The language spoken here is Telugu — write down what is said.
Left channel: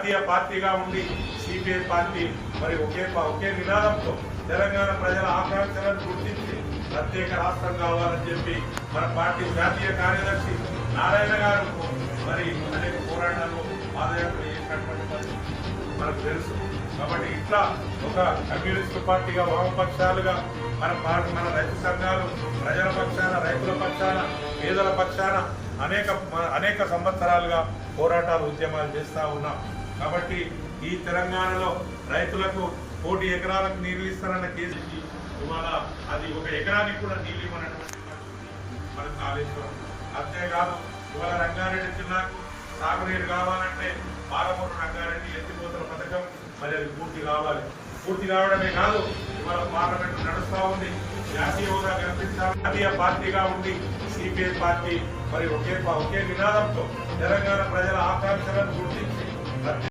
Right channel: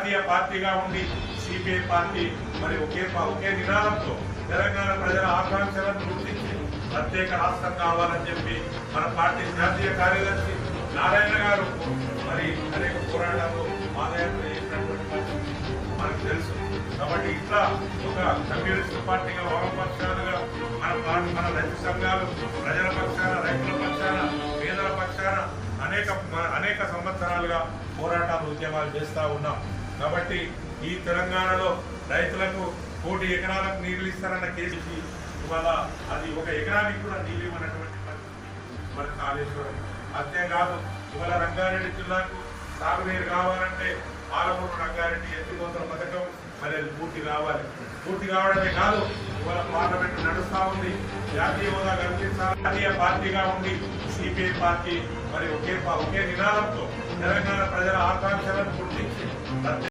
జాతీయ పార్టీగా ఉండి సిపిఐ పార్టీ మరి ఒకే ఒకే నినాదంతో తెలంగాణ ప్రజల ఆకాంక్షలను గుర్తించి ప్రత్యేక రాష్ట్రం కావాలని చెప్పి మన పార్టీ జాతీయ కార్యదర్శి నారాయణ గారు మరి అనేక పోరాటాలు ఆదాయం చేసినటువంటి మనకు తెలుసు. కాబట్టి ఇట్లా ఒక కమ్యూనిస్ట్ పార్టీగా వామపక్షాలుగా మన పార్టీ మన రైతు సంఘాలు ప్రజల పక్షాన రైతుల పక్షాన పేదల పక్షాన అనేక అనేక సంవత్సరాలుగా పోరాటాలు ఉద్యమాలు చేస్తా ఉన్నాం. కాబట్టి ఈ తెలంగాణలో రైతులకు కోటి ఎకరాలకు నీళ్ళు ఇస్తారన్న కేసుకి ఇవాళ అది ఒక ఎకరానికి కూడా నీళ్ళు ఇవ్వనటువంటి పరిస్థితి మన కాళేశ్వరం. అంతేకాదు ఇవాళ రంగారెడ్డి జిల్లాకు సాగునీరు కావాలంటే పాలమూరు రంగారెడ్డి ఎత్తిపోతల పథకం మరి అది పూర్తి కావాలి. పూర్తి కావడమే కాదు ఇవాళ పార్లమెంట్ నడుస్తూ ఉంది. జాతీయ హోదా కల్పించాలి. జాతీయ పార్టీగా ఉండి సిపిఐ పార్టీ మరి ఒకే ఒకే నినాదంతో తెలంగాణ ప్రజల ఆకాంక్షలను గుర్తించి